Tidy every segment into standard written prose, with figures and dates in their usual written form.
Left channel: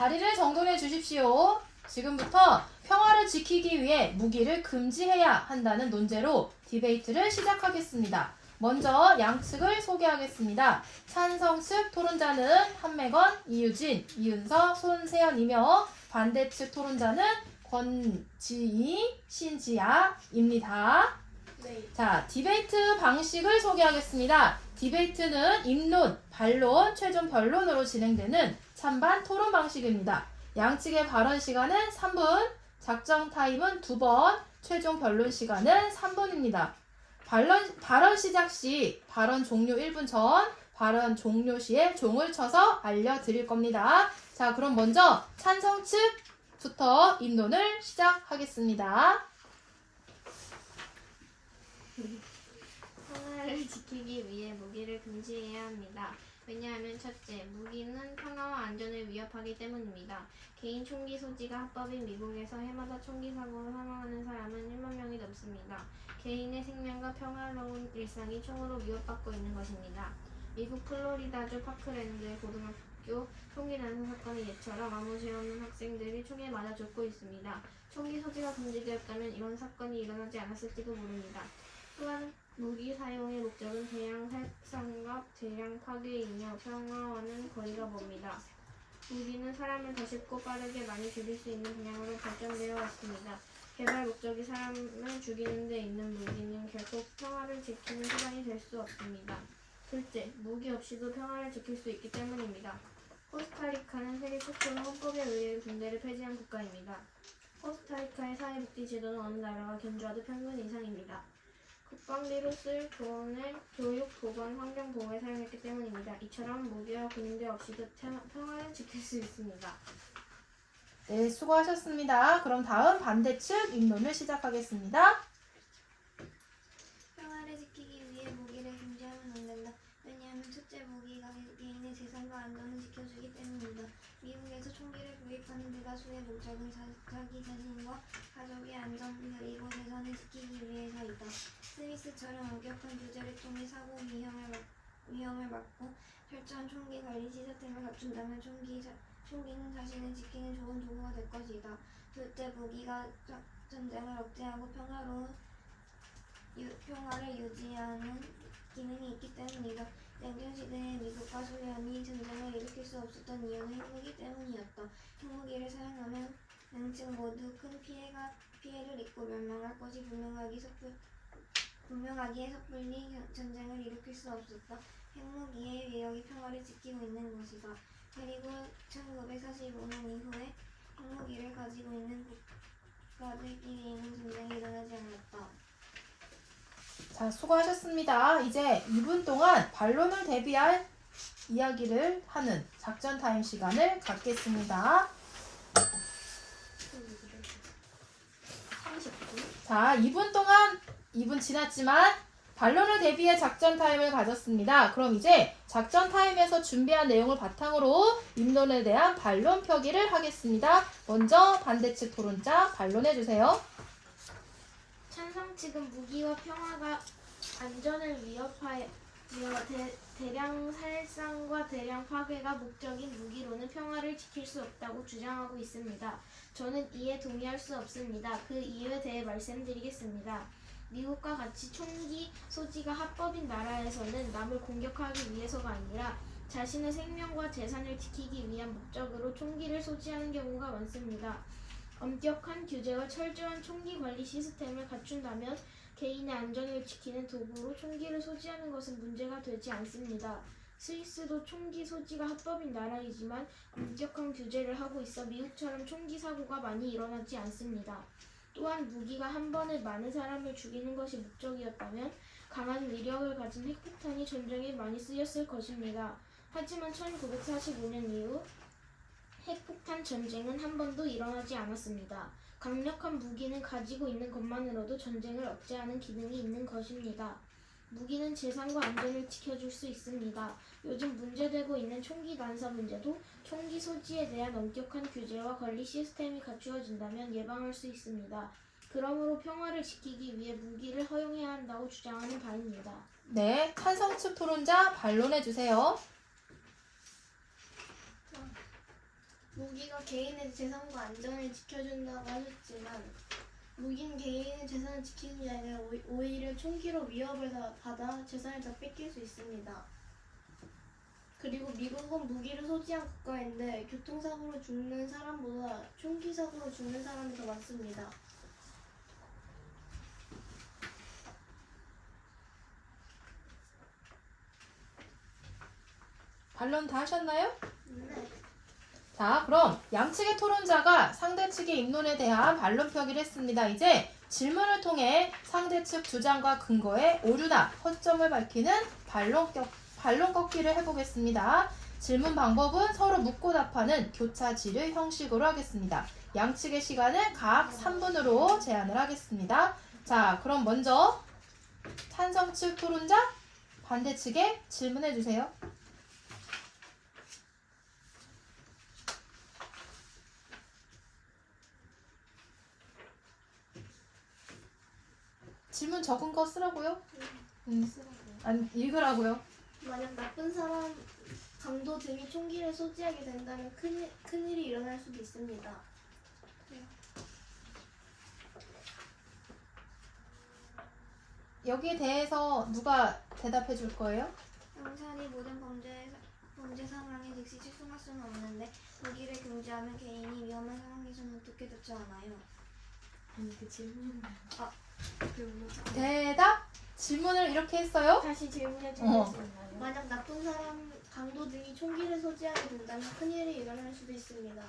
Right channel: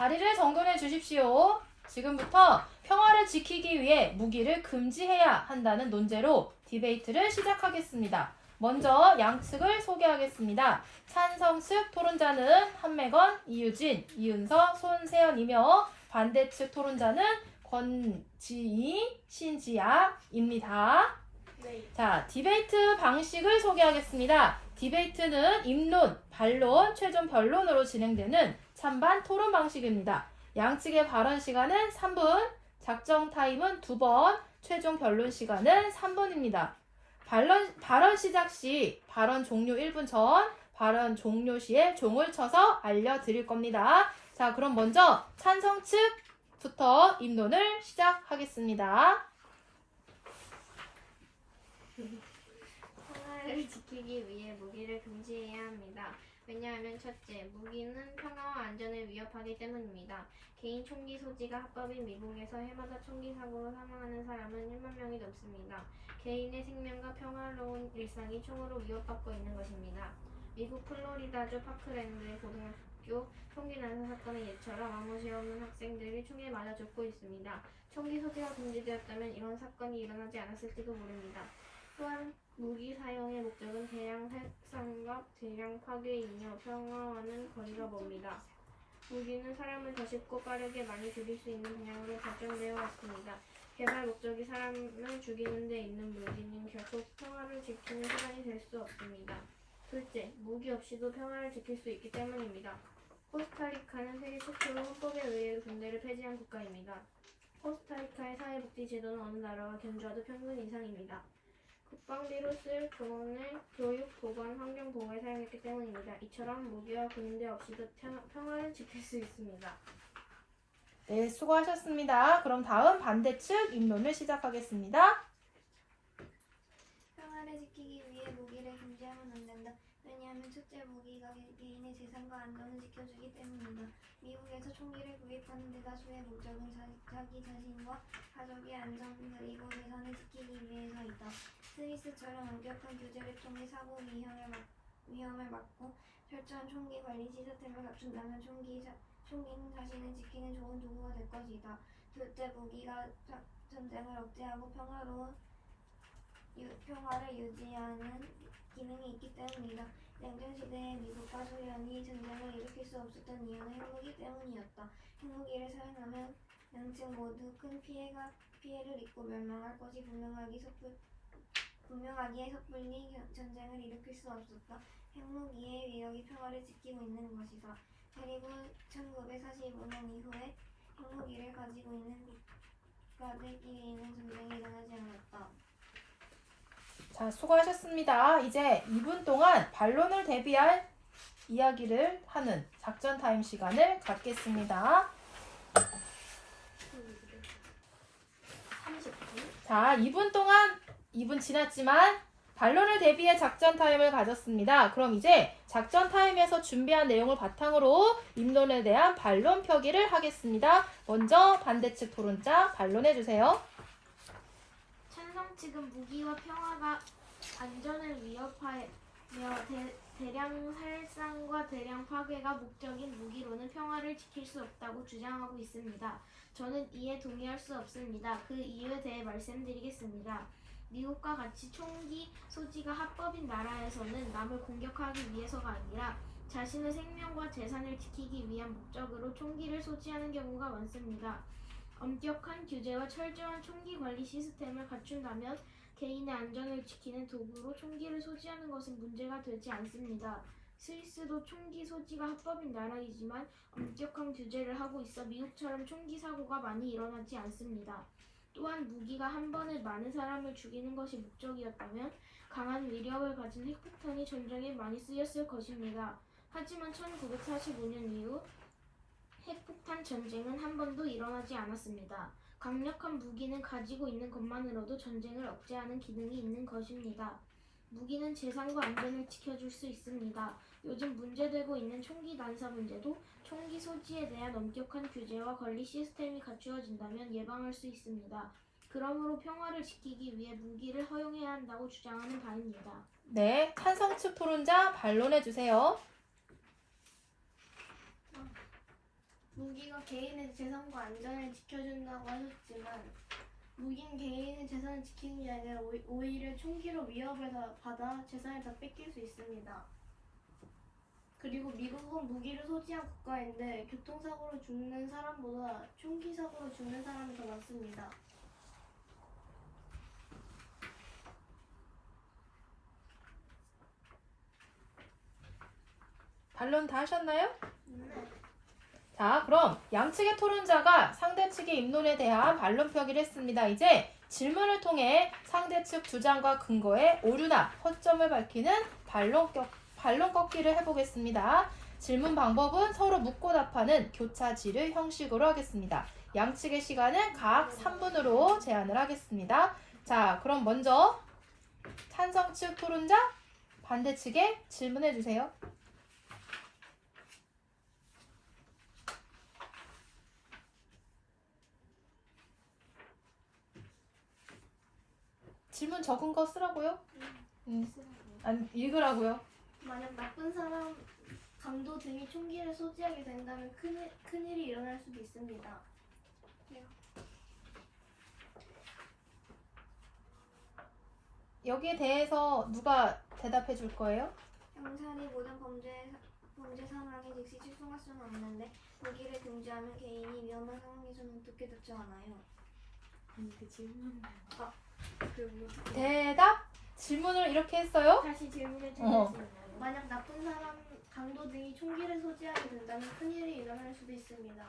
자리를 정돈해 주십시오. 지금부터 평화를 지키기 위해 무기를 금지해야 한다는 논제로 디베이트를 시작하겠습니다. 먼저 양측을 소개하겠습니다. 찬성측 토론자는 한매건, 이유진, 이윤서, 손세연이며 반대측 토론자는 권지희, 신지아입니다. 네. 자, 디베이트 방식을 소개하겠습니다. 디베이트는 입론, 반론, 최종 변론으로 진행되는 찬반 토론 방식입니다. 양측의 발언 시간은 3분, 작정 타임은 2번, 최종 변론 시간은 3분입니다. 발언 시작 시 발언 종료 1분 전, 발언 종료 시에 종을 쳐서 알려드릴 겁니다. 자, 그럼 먼저 찬성 측부터 입론을 시작하겠습니다. 평화를 지키기 위해 무기를 금지해야 합니다. 왜냐하면 첫째, 무기는 평화와 안전을 위협하기 때문입니다. 개인 총기 소지가 합법인 미국에서 해마다 총기 사고로 사망하는 사람은 1만 명이 넘습니다. 개인의 생명과 평화로운 일상이 총으로 위협받고 있는 것입니다. 미국 플로리다주 파크랜드 고등학교 총기 난사 사건의 예처럼 아무 죄 없는 학생들이 총에 맞아 죽고 있습니다. 총기 소지가 금지되었다면 이런 사건이 일어나지 않았을지도 모릅니다. 또한 무기 사용의 목적은 대량 살상과 대량 파괴이며 평화와는 거리가 멉니다. 무기는 사람을 더 쉽고 빠르게 많이 죽일 수 있는 방향으로 발전되어 왔습니다. 개발 목적이 사람을 죽이는 데 있는 무기는 결코 평화를 지키는 수단이 될 수 없습니다. 둘째, 무기 없이도 평화를 지킬 수 있기 때문입니다. 코스타리카는 세계 최초로 헌법에 의해 군대를 폐지한 국가입니다. 코스타리카의 사회복지 제도는 어느 나라가 견주어도 평균 이상입니다. 국방비로 쓸 돈을 교육, 보건, 환경 보호에 사용했기 때문입니다. 이처럼 무기와 군대 없이도 평화를 지킬 수 있습니다. 네, 수고하셨습니다. 그럼 다음 반대측 입론을 시작하겠습니다. 평화를 지키기 위해 무기를 금지하면 안 된다. 왜냐하면 첫째, 무기가 개인의 재산과 안전을 지켜주기 때문이다. 미국에서 총기를 구입하는 대다수의 목적은 자기 자신과 가족의 안전 그리고 재산을 지키기 위해서이다. 스위스처럼 엄격한 규제를 통해 사고 위험을 막고 철저한 총기 관리 시스템을 갖춘다면 총기는 자신을 지키는 좋은 도구가 될 것이다. 둘째, 무기가 전쟁을 억제하고 평화를 유지하는 기능이 있기 때문이다. 냉전시대에 미국과 소련이 전쟁을 일으킬 수 없었던 이유는 핵무기 때문이었다. 핵무기를 사용하면 양측 모두 큰 피해를 입고 멸망할 것이 분명하기에 섣불리 전쟁을 일으킬 수 없었다. 핵무기의 위력이 평화를 지키고 있는 것이다. 그리고 1945년 이후에 핵무기를 가지고 있는 국가들끼리는 전쟁이 일어나지 않았다. 자, 수고하셨습니다. 이제 2분 동안 반론을 대비할 이야기를 하는 작전 타임 시간을 갖겠습니다. 30분. 자, 2분 동안 2분 지났지만 반론을 대비해 작전 타임을 가졌습니다. 그럼 이제 작전 타임에서 준비한 내용을 바탕으로 입론에 대한 반론 표기를 하겠습니다. 먼저 반대측 토론자 반론해주세요. 찬성 측은 무기와 평화가 안전을 위협하여 대량 살상과 대량 파괴가 목적인 무기로는 평화를 지킬 수 없다고 주장하고 있습니다. 저는 이에 동의할 수 없습니다. 그 이유에 대해 말씀드리겠습니다. 미국과 같이 총기 소지가 합법인 나라에서는 남을 공격하기 위해서가 아니라 자신의 생명과 재산을 지키기 위한 목적으로 총기를 소지하는 경우가 많습니다. 엄격한 규제와 철저한 총기 관리 시스템을 갖춘다면 개인의 안전을 지키는 도구로 총기를 소지하는 것은 문제가 되지 않습니다. 스위스도 총기 소지가 합법인 나라이지만 엄격한 규제를 하고 있어 미국처럼 총기 사고가 많이 일어나지 않습니다. 또한 무기가 한 번에 많은 사람을 죽이는 것이 목적이었다면 강한 위력을 가진 핵폭탄이 전쟁에 많이 쓰였을 것입니다. 하지만 1945년 이후 핵폭탄 전쟁은 한 번도 일어나지 않았습니다. 강력한 무기는 가지고 있는 것만으로도 전쟁을 억제하는 기능이 있는 것입니다. 무기는 재산과 안전을 지켜줄 수 있습니다. 요즘 문제되고 있는 총기 난사 문제도 총기 소지에 대한 엄격한 규제와 관리 시스템이 갖추어진다면 예방할 수 있습니다. 그러므로 평화를 지키기 위해 무기를 허용해야 한다고 주장하는 바입니다. 네, 찬성 측 토론자 반론해주세요. 무기가 개인의 재산과 안전을 지켜준다고 하셨지만 무기는 개인의 재산을 지키는 게 아니라 오히려 총기로 위협을 받아 재산을 다 뺏길 수 있습니다. 그리고 미국은 무기를 소지한 국가인데 교통사고로 죽는 사람보다 총기 사고로 죽는 사람이 더 많습니다. 반론 다 하셨나요? 네. 자, 그럼 양측의 토론자가 상대 측의 입론에 대한 반론 표기를 했습니다. 이제 질문을 통해 상대 측 주장과 근거의 오류나 허점을 밝히는 반론 꺾기를 해보겠습니다. 질문 방법은 서로 묻고 답하는 교차 질의 형식으로 하겠습니다. 양측의 시간은 각 3분으로 제한을 하겠습니다. 자, 그럼 먼저 찬성 측 토론자, 반대 측에 질문해 주세요. 질문 적은 거 쓰라고요? 아니, 읽으라고요. 만약 나쁜 사람, 강도 등이 총기를 소지하게 된다면 큰일이 일어날 수도 있습니다. 여기에 대해서 누가 대답해 줄 거예요? 경찰이 모든 범죄 상황에 즉시 출동할 수는 없는데 무기를 금지하면 개인이 위험한 상황에서는 어떻게 대처하나요? 아니 그 질문. 그럼 대답? 질문을 이렇게 했어요? 다시 질문해 주실 수 있나요? 만약 나쁜 사람, 강도 등이 총기를 소지하게 된다면 큰일이 일어날 수도 있습니다.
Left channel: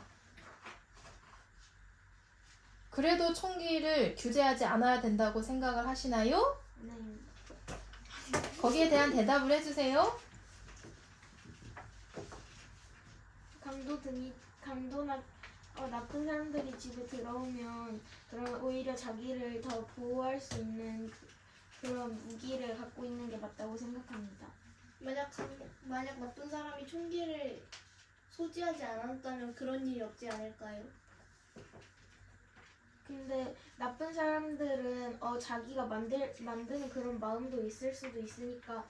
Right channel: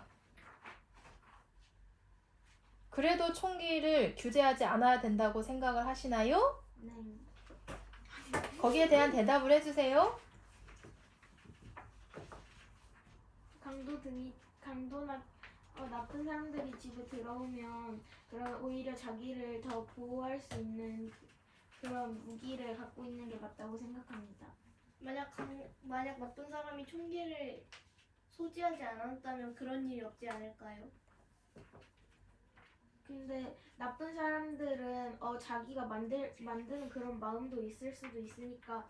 그래도 총기를 규제하지 않아야 된다고 생각을 하시나요? 네. 거기에 대한 대답을 해주세요. 강도나 나쁜 사람들이 집에 들어오면 그런 오히려 자기를 더 보호할 수 있는 그런 무기를 갖고 있는 게 맞다고 생각합니다. 만약 나쁜 사람이 총기를 소지하지 않았다면 그런 일이 없지 않을까요? 근데 나쁜 사람들은 자기가 만드는 그런 마음도 있을 수도 있으니까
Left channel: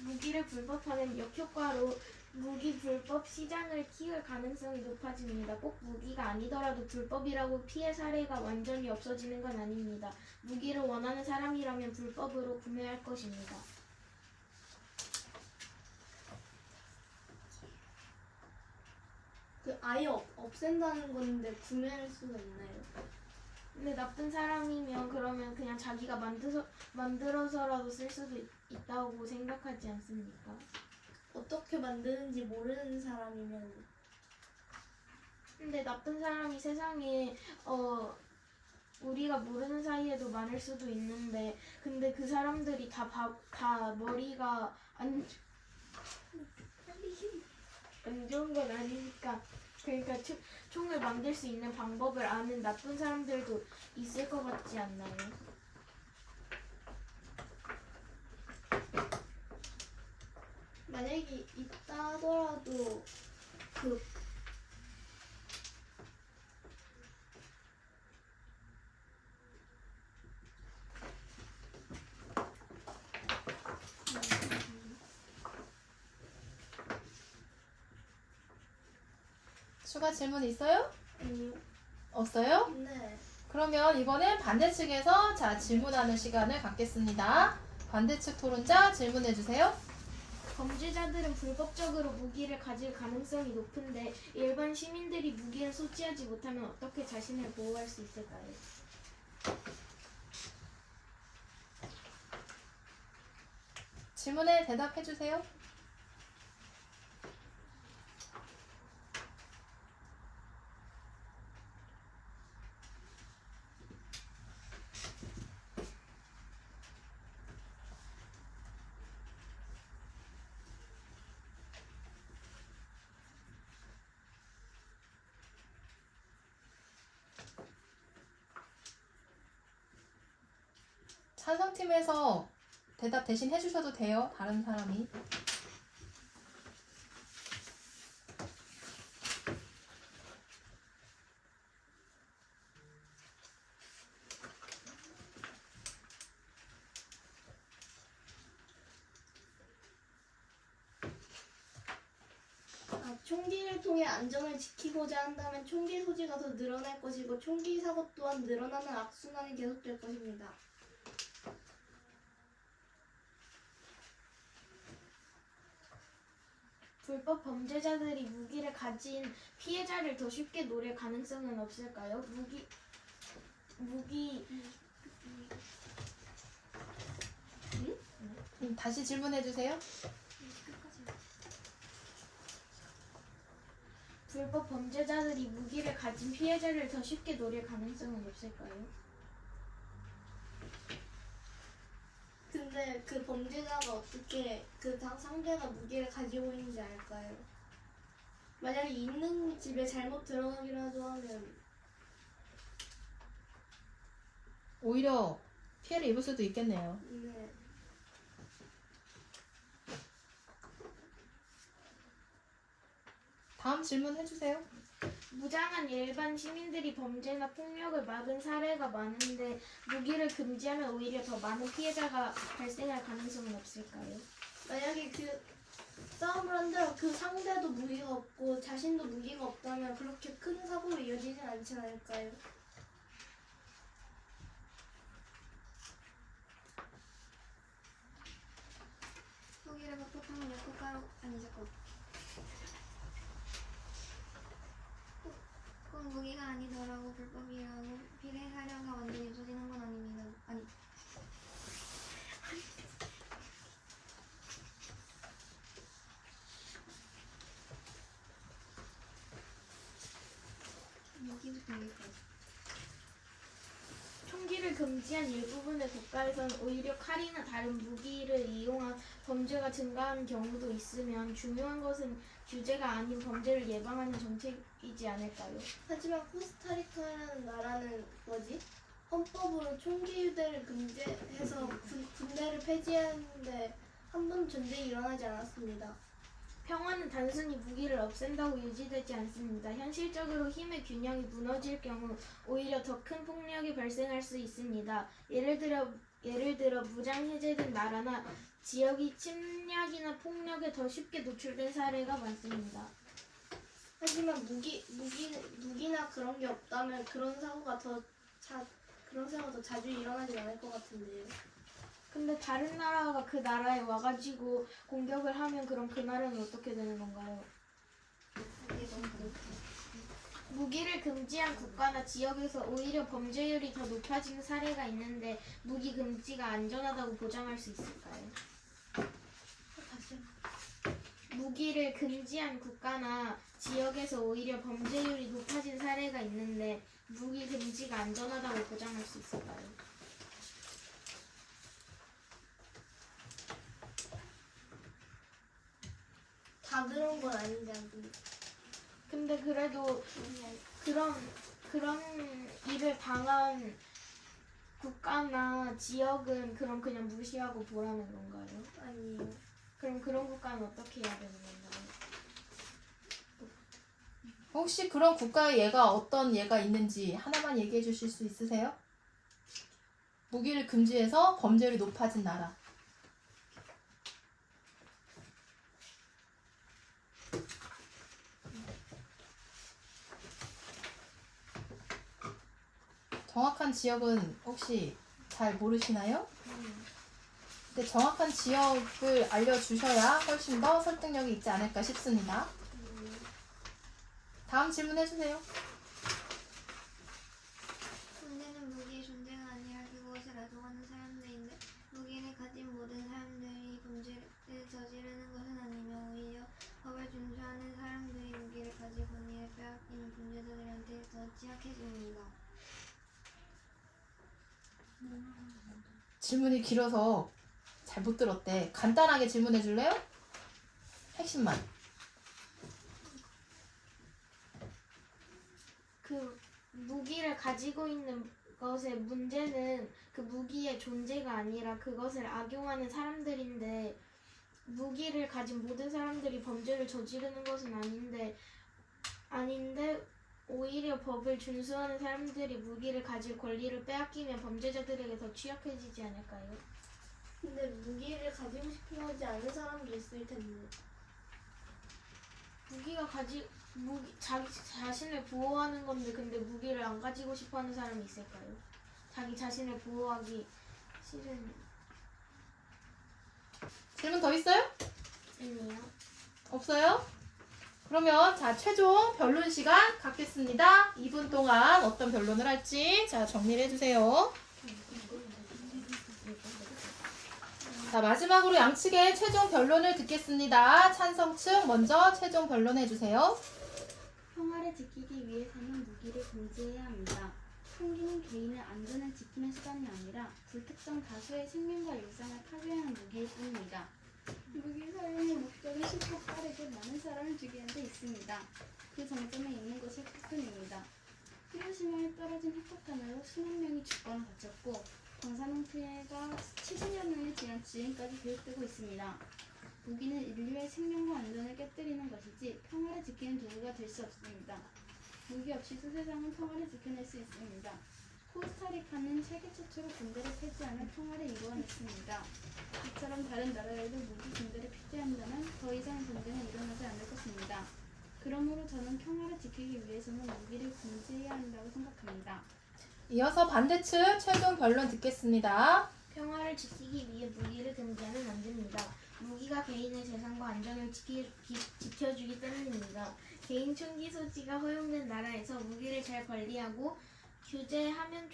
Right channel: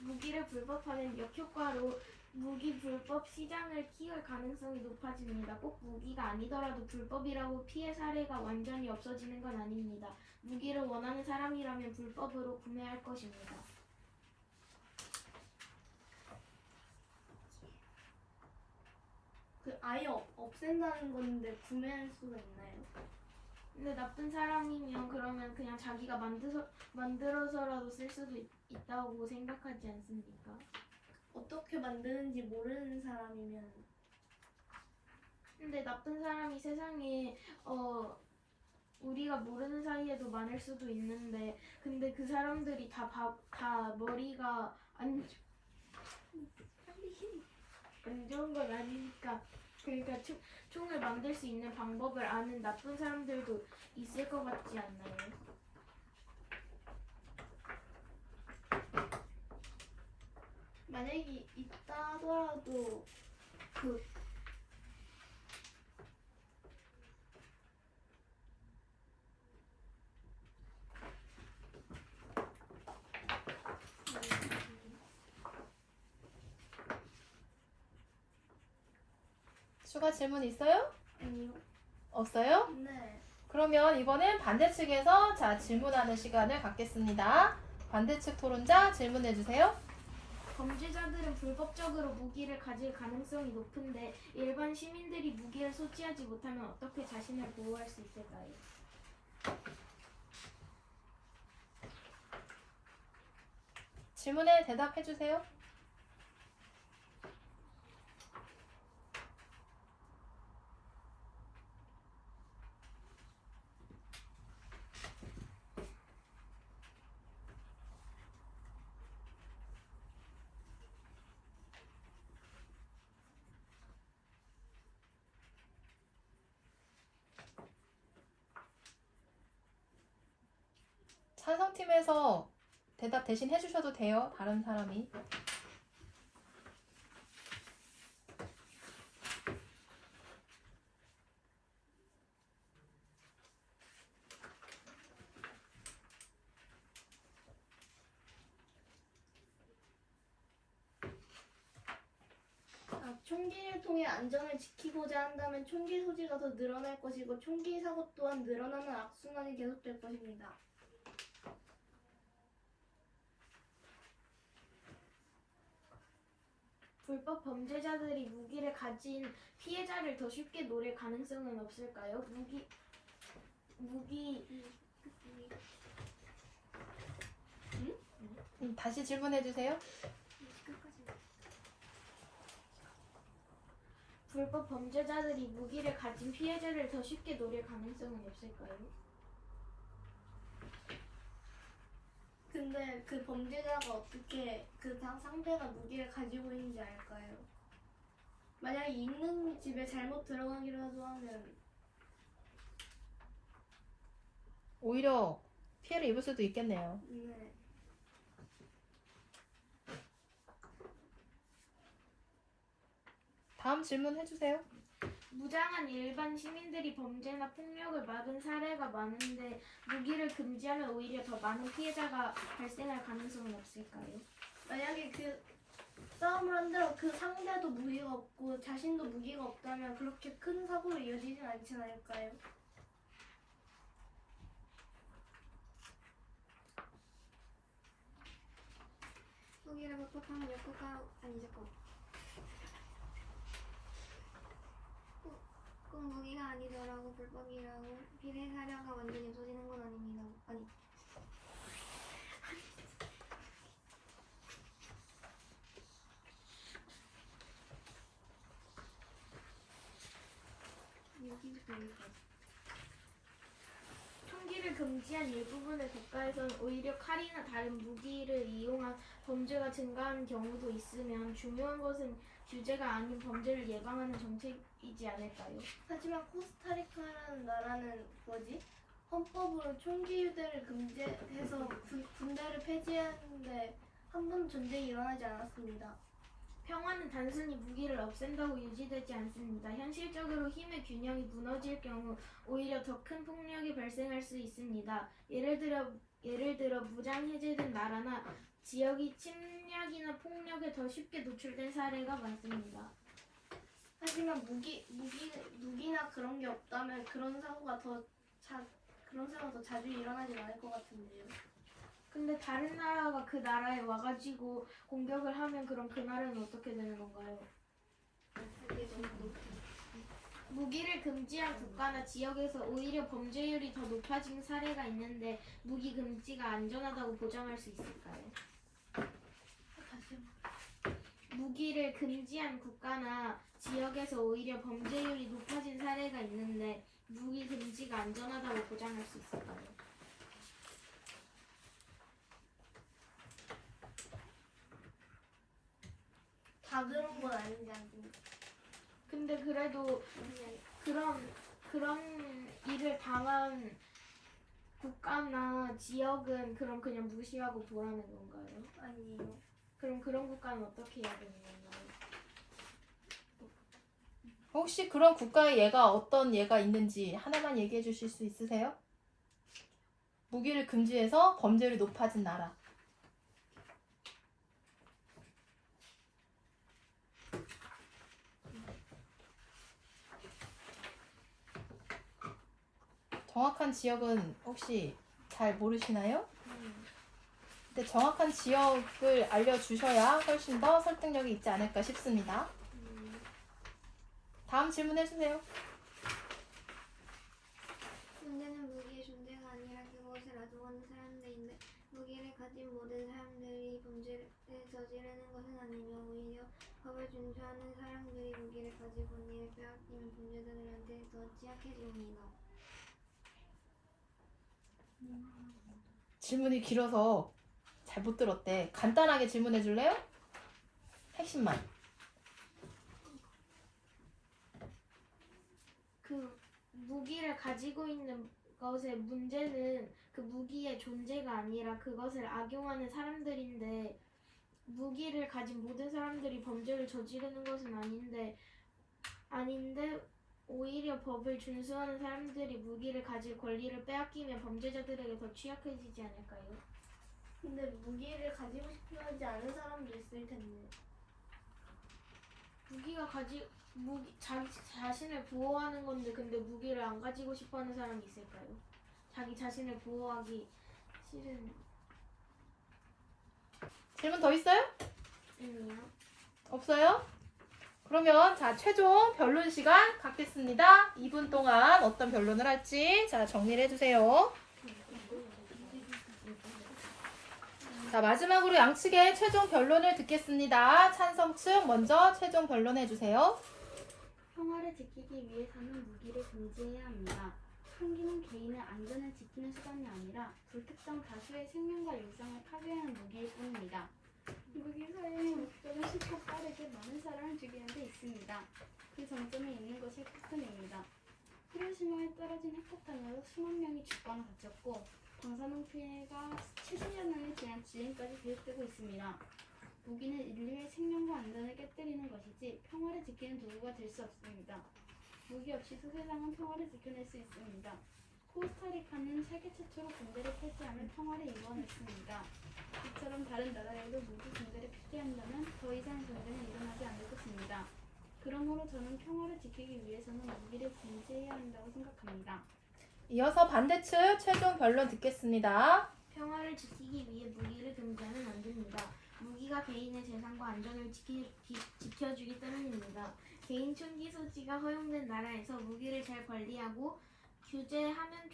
무기를 불법화된 역효과로 무기 불법 시장을 키울 가능성이 높아집니다. 꼭 무기가 아니더라도 불법이라고 피해 사례가 완전히 없어지는 건 아닙니다. 무기를 원하는 사람이라면 불법으로 구매할 것입니다. 아예 없앤다는 건데 구매할 수가 있나요? 근데 나쁜 사람이면 그러면 그냥 자기가 만들어서라도 쓸 수도 있다고 생각하지 않습니까? 어떻게 만드는지 모르는 사람이면. 근데 나쁜 사람이 세상에 우리가 모르는 사이에도 많을 수도 있는데 근데 그 사람들이 다 머리가 안 좋은 건 아니니까. 그러니까 총을 만들 수 있는 방법을 아는 나쁜 사람들도 있을 것 같지 않나요? 만약에 있다 하더라도 추가 질문 있어요? 아니요. 없어요? 네. 그러면 이번엔 반대측에서 질문하는 시간을 갖겠습니다. 반대측 토론자 질문해 주세요. 범죄자들은 불법적으로 무기를 가질 가능성이 높은데 일반 시민들이 무기를 소지하지 못하면 어떻게 자신을 보호할 수 있을까요? 질문에 대답해 주세요. 찬성팀에서 대답 대신 해주셔도 돼요. 다른 사람이. 총기를 통해 안전을 지키고자 한다면 총기 소지가 더 늘어날 것이고 총기 사고 또한 늘어나는 악순환이 계속될 것입니다. 불법 범죄자들이 무기를 가진 피해자를 더 쉽게 노릴 가능성은 없을까요? 다시 질문해 주세요. 끝까지. 불법 범죄자들이 무기를 가진 피해자를 더 쉽게 노릴 가능성은 없을까요? 근데 그 범죄자가 어떻게 그 상대가 무기를 가지고 있는지 알까요? 만약에 있는 집에 잘못 들어가기라도 하면 오히려 피해를 입을 수도 있겠네요. 네. 다음 질문 해주세요. 무장한 일반 시민들이 범죄나 폭력을 막은 사례가 많은데 무기를 금지하면 오히려 더 많은 피해자가 발생할 가능성은 없을까요? 만약에 그 싸움을 한다고 그 상대도 무기가 없고 자신도 무기가 없다면 그렇게 큰 사고로 이어지진 않지 않을까요? 무기를 극복하면 역국가 아니 잠깐. 꼭 무기가 아니더라고 불법이라고 비례 사례가 완전히 없어지는 건 아닙니다. 아니. 무기부터 여기까지. 총기를 금지한 일부분의 국가에선 오히려 칼이나 다른 무기를 이용한 범죄가 증가하는 경우도 있으면 중요한 것은 규제가 아닌 범죄를 예방하는 정책이지 않을까요? 하지만 코스타리카라는 나라는 헌법으로 총기 유대를 금지해서 군대를 폐지하는데 한 번도 전쟁이 일어나지 않았습니다. 평화는 단순히 무기를 없앤다고 유지되지 않습니다. 현실적으로 힘의 균형이 무너질 경우 오히려 더 큰 폭력이 발생할 수 있습니다. 예를 들어 무장 해제된 나라나 지역이 침략이나 폭력에 더 쉽게 노출된 사례가 많습니다. 하지만 무기나 그런 게 없다면 그런 사고가 더 자주 일어나지 않을 것 같은데요. 근데 다른 나라가 그 나라에 와가지고 공격을 하면 그럼 그 나라는 어떻게 되는 건가요? 무기를 금지한 국가나 지역에서 오히려 범죄율이 더 높아지는 사례가 있는데 무기 금지가 안전하다고 보장할 수 있을까요? 무기를 금지한 국가나 지역에서 오히려 범죄율이 높아진 사례가 있는데 무기 금지가 안전하다고 보장할 수 있을까요? 다 그런 건 아니지 않습니까? 근데 그래도 그런 일을 당한 국가나 지역은 그럼 그냥 무시하고 보라는 건가요? 아니에요. 그럼 그런 국가는 어떻게 해야 되는 건가요? 혹시 그런 국가의 예가 어떤 예가 있는지 하나만 얘기해 주실 수 있으세요? 무기를 금지해서 범죄율이 높아진 나라. 정확한 지역은 혹시 잘 모르시나요? 근데 정확한 지역을 알려주셔야 훨씬 더 설득력이 있지 않을까 싶습니다. 다음 질문 해주세요. 문제는 무기의 존재가 아니라 그것을 악용하는 사람들인데 무기를 가진 모든 사람들이 범죄를 저지르는 것은 아니며 오히려 법을 준수하는 사람들이 무기를 가지고 권리를 빼앗기는 범죄자들한테 더 취약해집니다. 질문이 길어서 잘 못 들었대. 간단하게 질문해 줄래요? 핵심만. 그 무기를 가지고 있는 것의 문제는 그 무기의 존재가 아니라 그것을 악용하는 사람들인데 무기를 가진 모든 사람들이 범죄를 저지르는 것은 아닌데 오히려 법을 준수하는 사람들이 무기를 가질 권리를 빼앗기면 범죄자들에게 더 취약해지지 않을까요? 근데 무기를 가지고 싶어 하지 않은 사람도 있을 텐데. 자기 자신을 보호하는 건데 근데 무기를 안 가지고 싶어하는 사람이 있을까요? 자기 자신을 보호하기 싫은 질문 더 있어요? 아니요. 없어요? 그러면 자 최종 변론 시간 갖겠습니다. 2분 동안 어떤 변론을 할지 자 정리를 해주세요. 자 마지막으로 양측의 최종 변론을 듣겠습니다. 찬성 측 먼저 최종 변론해주세요. 평화를 지키기 위해서는 무기를 금지해야 합니다. 총기는 개인의 안전을 지키는 수단이 아니라 불특정 다수의 생명과 일상을 파괴하는 무기일 뿐입니다. 무기 사용의 목적은 쉽고 빠르게 많은 사람을 죽이는 데 있습니다. 그 정점에 있는 것이 핵폭탄입니다. 히로시마에 떨어진 핵폭탄으로 수만 명이 죽거나 다쳤고 방사능 피해가 70여 년이 지난 지금까지 계속되고 있습니다. 무기는 인류의 생명과 안전을 깨뜨리는 것이지 평화를 지키는 도구가 될 수 없습니다. 무기 없이도 세상은 평화를 지켜낼 수 있습니다. 코스타리카는 세계 최초로 군대를 폐지하며 평화를 이루어냈습니다. 이처럼 다른 나라에도 무기 군대를 폐지한다면 더 이상 전쟁은 일어나지 않을 것입니다. 그러므로 저는 평화를 지키기 위해서는 무기를 금지해야 한다고 생각합니다. 이어서 반대측 최종 변론 듣겠습니다. 평화를 지키기 위해 무기를 금지하면 안 됩니다. 무기가 개인의 재산과 안전을 지켜주기 때문입니다. 개인 총기 소지가 허용된 나라에서 무기를 잘 관리하고 규제하면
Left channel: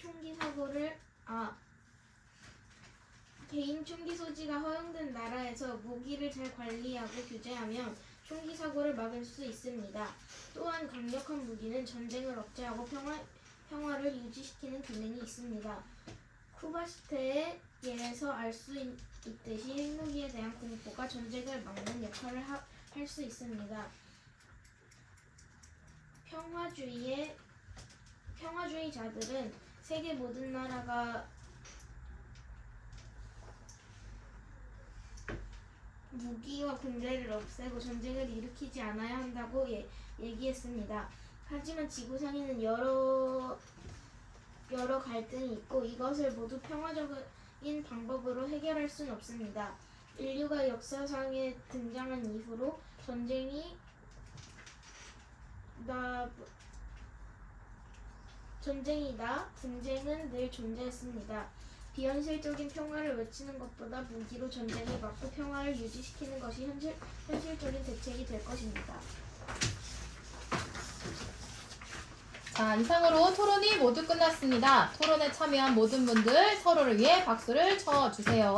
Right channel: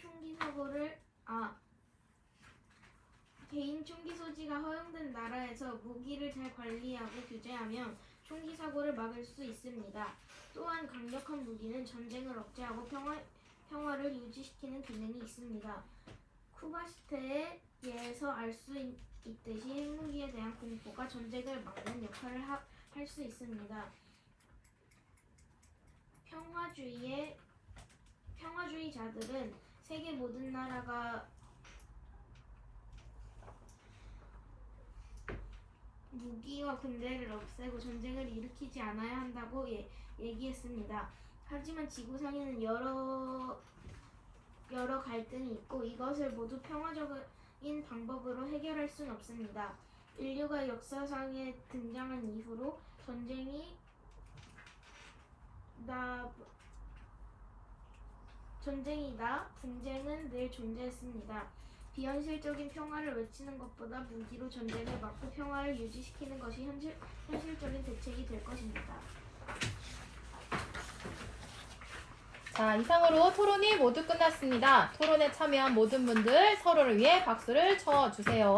개인 총기 소지가 허용된 나라에서 무기를 잘 관리하고 규제하면 총기 사고를 막을 수 있습니다. 또한 강력한 무기는 전쟁을 억제하고 평화를 유지시키는 기능이 있습니다. 쿠바 시대에서 알 수 있듯이 핵무기에 대한 공포가 전쟁을 막는 역할을 할 수 있습니다. 평화주의자들은 세계 모든 나라가 무기와 군대를 없애고 전쟁을 일으키지 않아야 한다고 얘기했습니다. 하지만 지구상에는 여러 갈등이 있고 이것을 모두 평화적인 방법으로 해결할 수는 없습니다. 인류가 역사상에 등장한 이후로 분쟁은 늘 존재했습니다. 비현실적인 평화를 외치는 것보다 무기로 전쟁을 막고 평화를 유지시키는 것이 현실적인 대책이 될 것입니다. 자 이상으로 토론이 모두 끝났습니다. 토론에 참여한 모든 분들 서로를 위해 박수를 쳐주세요.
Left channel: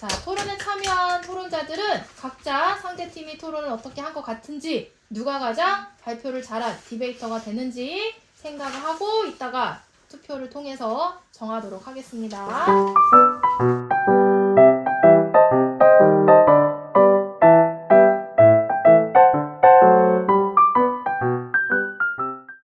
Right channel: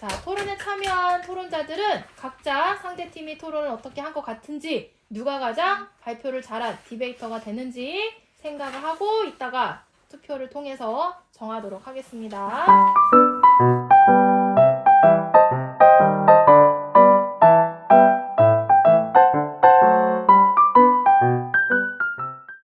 자 토론에 참여한 토론자들은 각자 상대팀이 토론을 어떻게 한 것 같은지 누가 가장 발표를 잘한 디베이터가 되는지 생각을 하고 이따가 투표를 통해서 정하도록 하겠습니다.